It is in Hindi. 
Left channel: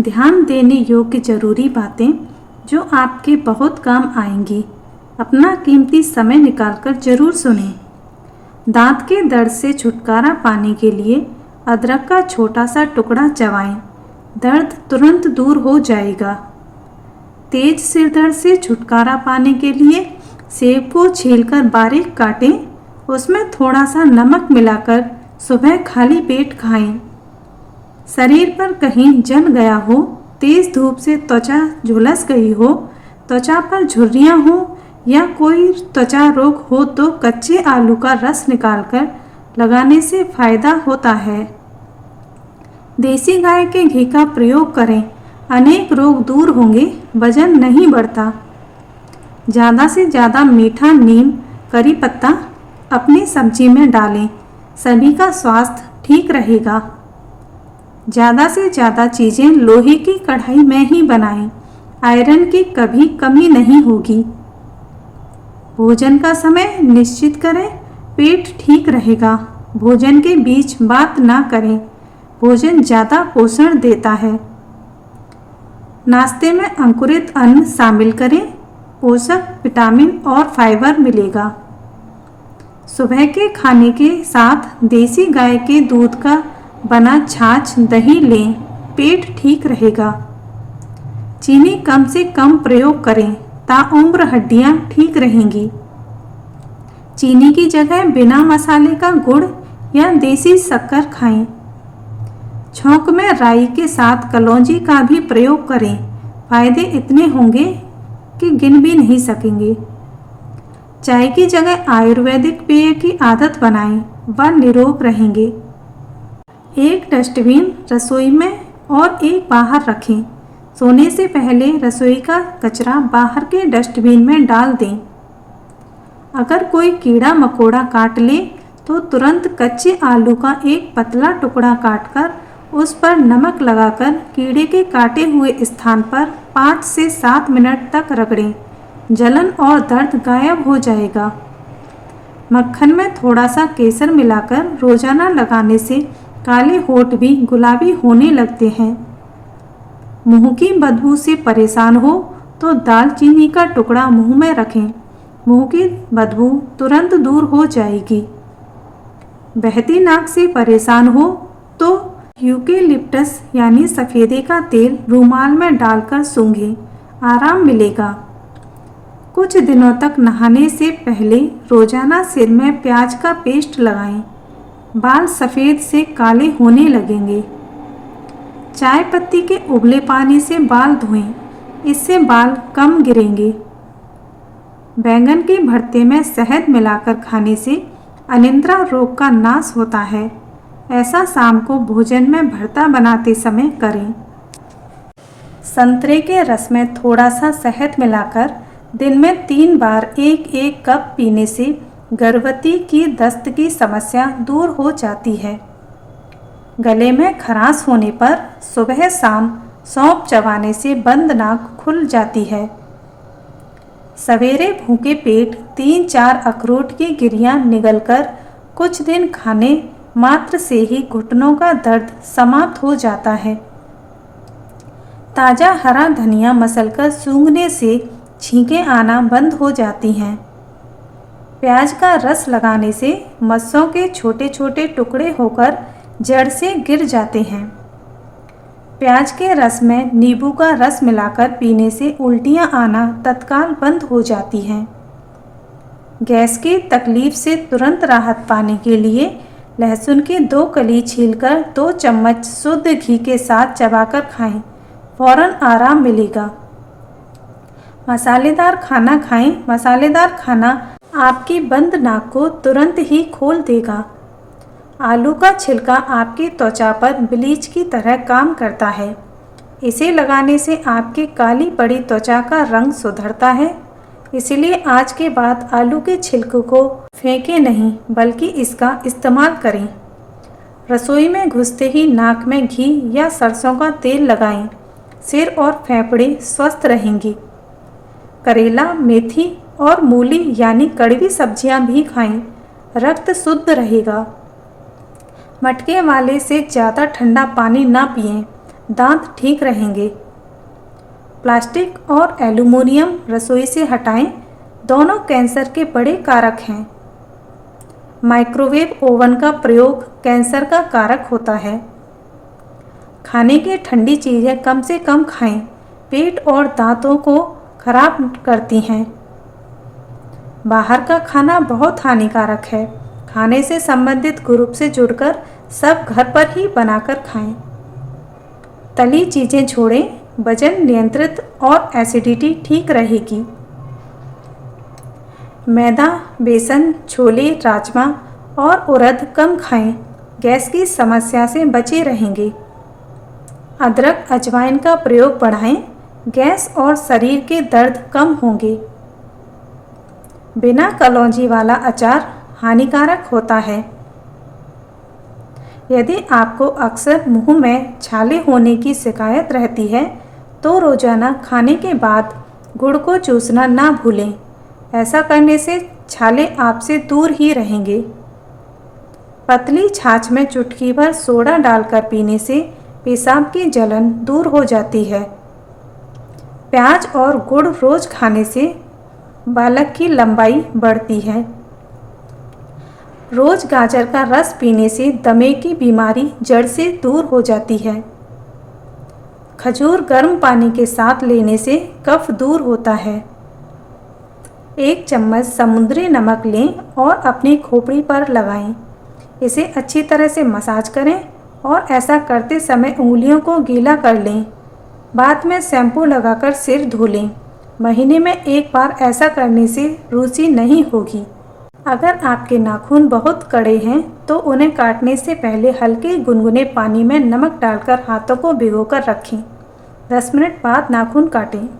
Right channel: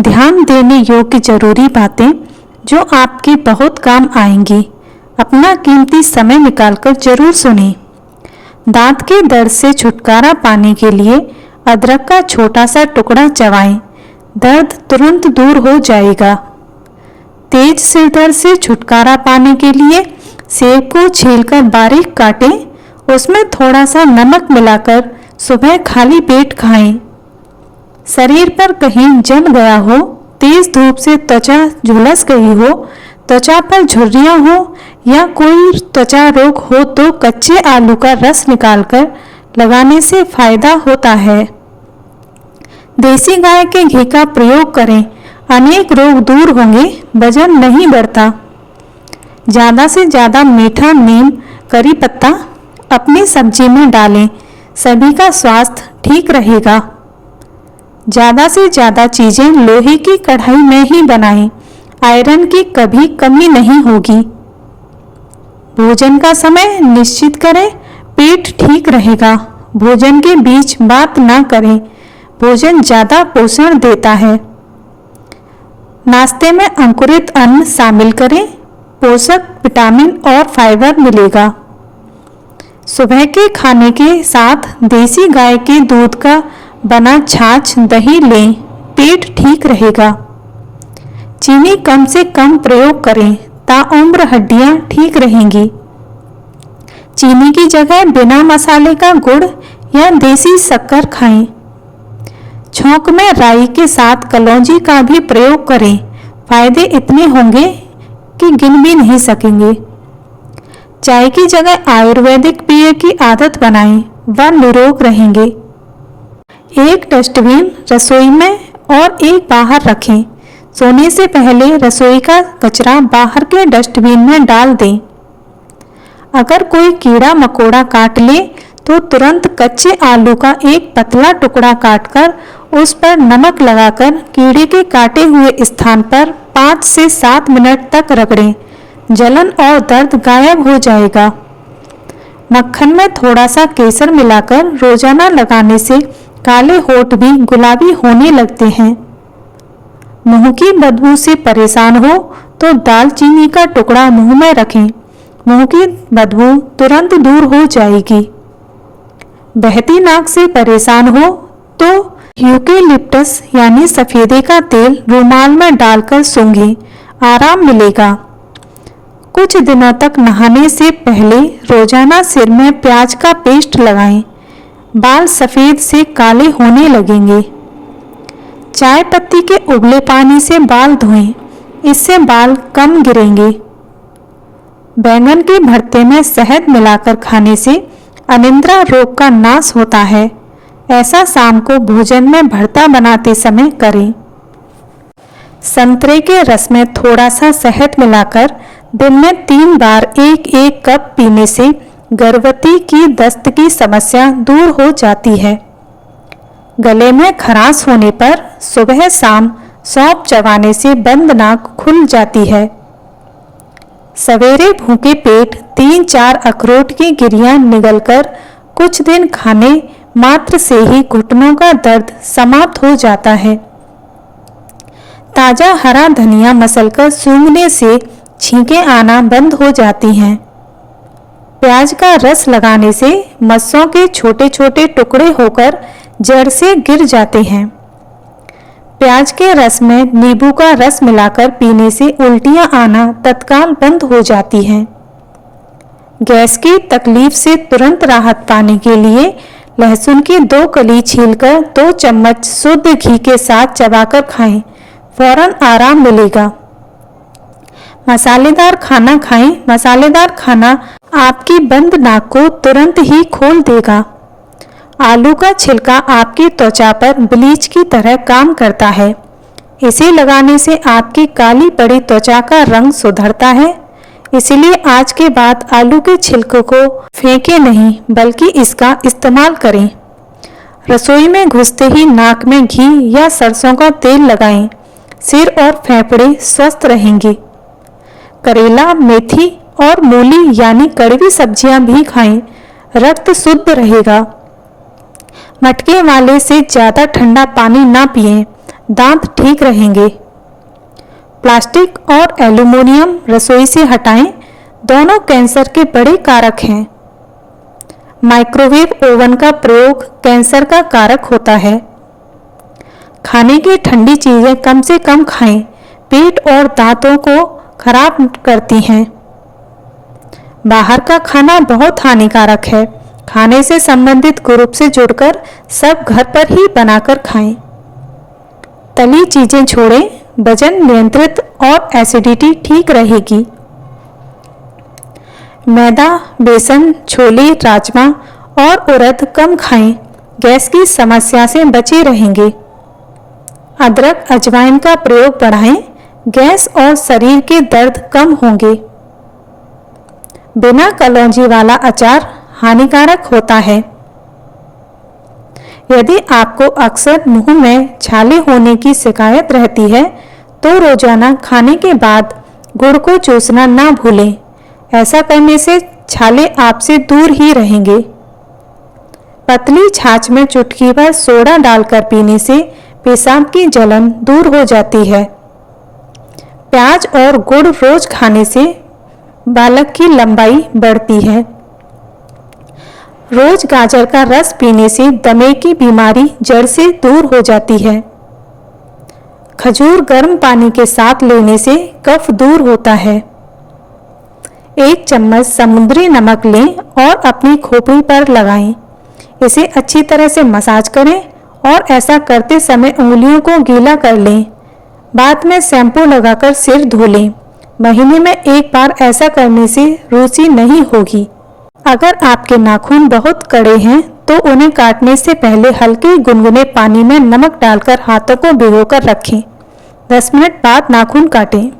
ध्यान देने योग्य जरूरी बातें जो आपके बहुत काम आएंगी। अपना कीमती समय निकालकर जरूर सुनें। दांत के दर्द से छुटकारा पाने के लिए अदरक का छोटा सा टुकड़ा चबाएं, दर्द तुरंत दूर हो जाएगा। तेज सिर दर्द से छुटकारा पाने के लिए सेब को छीलकर बारीक काटें, उसमें थोड़ा सा नमक मिलाकर सुबह खाली पेट खाएं। शरीर पर कहीं जल गया हो, तेज धूप से त्वचा झुलस गई हो, त्वचा पर झुर्रियां हो या कोई त्वचा रोग हो तो कच्चे आलू का रस निकालकर लगाने से फायदा होता है। देसी गाय के घी का प्रयोग करें, अनेक रोग दूर होंगे, वजन नहीं बढ़ता। ज़्यादा से ज़्यादा मीठा नीम करी पत्ता अपनी सब्जी में डालें, सभी का स्वास्थ्य ठीक रहेगा। ज़्यादा से ज़्यादा चीज़ें लोहे की कढ़ाई में ही बनाएं, आयरन की कभी कमी नहीं होगी। भोजन का समय निश्चित करें, पेट ठीक रहेगा। भोजन के बीच बात ना करें, भोजन ज़्यादा पोषण देता है। नाश्ते में अंकुरित अन्न शामिल करें, पोषक विटामिन और फाइबर मिलेगा। सुबह के खाने के साथ देसी गाय के दूध का बना छाछ दही लें, पेट ठीक रहेगा। चीनी कम से कम प्रयोग करें, ताउम्र हड्डियां ठीक रहेंगी। चीनी की जगह बिना मसाले का गुड़ या देसी शक्कर खाएं। छौंक में राई के साथ कलौंजी का भी प्रयोग करें, फायदे इतने होंगे कि गिन भी नहीं सकेंगे। चाय की जगह आयुर्वेदिक पेय की आदत बनाएं, वह निरोग रहेंगे। एक डस्टबिन रसोई में और एक बाहर रखें। सोने से पहले रसोई का कचरा बाहर के डस्टबिन में डाल दें। अगर कोई कीड़ा मकोड़ा काट ले तो तुरंत कच्चे आलू का एक पतला टुकड़ा काटकर उस पर नमक लगाकर कीड़े के काटे हुए स्थान पर 5 से 7 मिनट तक रगड़ें, जलन और दर्द गायब हो जाएगा। मक्खन में थोड़ा सा केसर मिलाकर रोजाना लगाने से काले होंठ भी गुलाबी होने लगते हैं। मुंह की बदबू से परेशान हो तो दालचीनी का टुकड़ा मुंह में रखें, मुंह की बदबू तुरंत दूर हो जाएगी। बहती नाक से परेशान हो तो यूकेलिप्टस यानी सफेदे का तेल रुमाल में डालकर सूंघें, आराम मिलेगा। कुछ दिनों तक नहाने से पहले रोजाना सिर में प्याज का पेस्ट लगाएं, बाल सफेद से काले होने लगेंगे। चाय पत्ती के उबले पानी से बाल धोएं, इससे बाल कम गिरेंगे। बैंगन के भरते में शहद मिलाकर खाने से अनिद्रा रोग का नाश होता है। ऐसा शाम को भोजन में भरता बनाते समय करें। संतरे के रस में थोड़ा सा शहद मिलाकर दिन में 3 बार 1-1 कप पीने से गर्भवती की दस्त की समस्या दूर हो जाती है। गले में खराश होने पर सुबह शाम सौंफ चबाने से बंद नाक खुल जाती है। सवेरे भूखे पेट 3-4 अखरोट की गिरियां निगलकर कुछ दिन खाने मात्र से ही घुटनों का दर्द समाप्त हो जाता है। ताजा हरा धनिया मसलकर सूंघने से छींकें आना बंद हो जाती हैं। प्याज का रस लगाने से मस्सों के छोटे छोटे टुकड़े होकर जड़ से गिर जाते हैं। प्याज के रस में नींबू का रस मिलाकर पीने से उल्टियां आना तत्काल बंद हो जाती हैं। गैस की तकलीफ से तुरंत राहत पाने के लिए लहसुन की 2 कली छीलकर 2 चम्मच शुद्ध घी के साथ चबाकर खाएं, फौरन आराम मिलेगा। मसालेदार खाना खाएं, मसालेदार खाना आपकी बंद नाक को तुरंत ही खोल देगा। आलू का छिलका आपकी त्वचा पर ब्लीच की तरह काम करता है। इसे लगाने से आपकी काली पड़ी त्वचा का रंग सुधरता है। इसलिए आज के बाद आलू के छिलकों को फेंके नहीं, बल्कि इसका इस्तेमाल करें। रसोई में घुसते ही नाक में घी या सरसों का तेल लगाएं, सिर और फेफड़े स्वस्थ रहेंगे। करेला, मेथी और मूली यानी कड़वी सब्जियां भी खाएं, रक्त शुद्ध रहेगा। मटके वाले से ज़्यादा ठंडा पानी ना पिएं, दांत ठीक रहेंगे। प्लास्टिक और एल्युमिनियम रसोई से हटाएं, दोनों कैंसर के बड़े कारक हैं। माइक्रोवेव ओवन का प्रयोग कैंसर का कारक होता है। खाने की ठंडी चीज़ें कम से कम खाएं, पेट और दांतों को खराब करती हैं। बाहर का खाना बहुत हानिकारक है। खाने से संबंधित ग्रुप से जुड़कर सब घर पर ही बनाकर खाएं। तली चीज़ें छोड़ें, वजन नियंत्रित और एसिडिटी ठीक रहेगी। मैदा, बेसन, छोले, राजमा और उड़द कम खाएं, गैस की समस्या से बचे रहेंगे। अदरक, अजवाइन का प्रयोग बढ़ाएं, गैस और शरीर के दर्द कम होंगे। बिना कलौंजी वाला अचार हानिकारक होता है। यदि आपको अक्सर मुंह में छाले होने की शिकायत रहती है तो रोजाना खाने के बाद गुड़ को चूसना ना भूलें। ऐसा करने से छाले आपसे दूर ही रहेंगे। पतली छाछ में चुटकी भर सोडा डालकर पीने से पेशाब की जलन दूर हो जाती है। प्याज और गुड़ रोज खाने से बालक की लंबाई बढ़ती है। रोज गाजर का रस पीने से दमे की बीमारी जड़ से दूर हो जाती है। खजूर गर्म पानी के साथ लेने से कफ दूर होता है। 1 चम्मच समुद्री नमक लें और अपनी खोपड़ी पर लगाएं। इसे अच्छी तरह से मसाज करें और ऐसा करते समय उंगलियों को गीला कर लें। बाद में शैम्पू लगाकर सिर धो लें। महीने में 1 बार ऐसा करने से रूसी नहीं होगी। अगर आपके नाखून बहुत कड़े हैं तो उन्हें काटने से पहले हल्के गुनगुने पानी में नमक डालकर हाथों को भिगोकर रखें। 10 मिनट बाद नाखून काटें।